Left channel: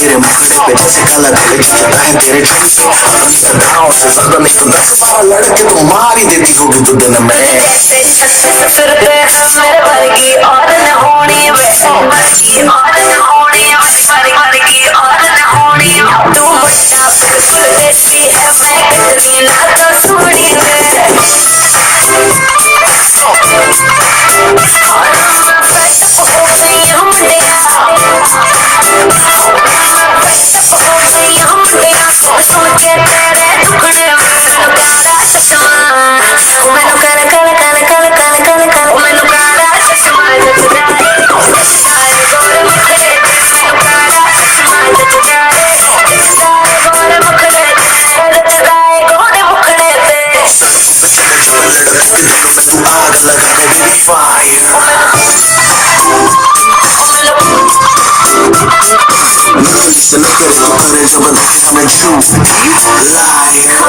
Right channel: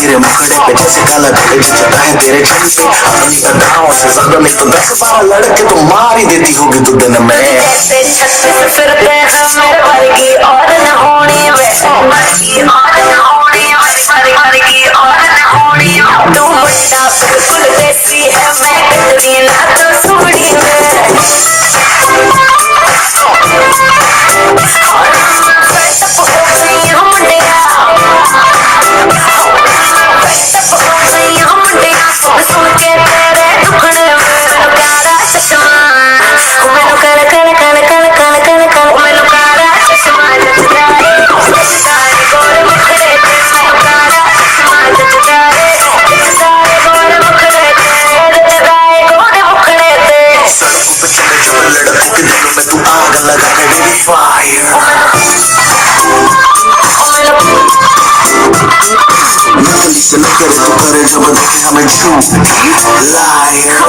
तेरे मुखड़े पे जैसे काला दिल चढ़ता है तेरे से ज्यादा नहीं तो 10-12 लड़के तो मार ही देती होगी तू दिन में फिरते हैं मेरे वर्गी और न होनी वर्गी और न होनी तू मुट्ठा बिल्कुल देसी है मैं इतनी ना तो सुबड़ी में करे तो करे जब देखे हमें झूठ लायर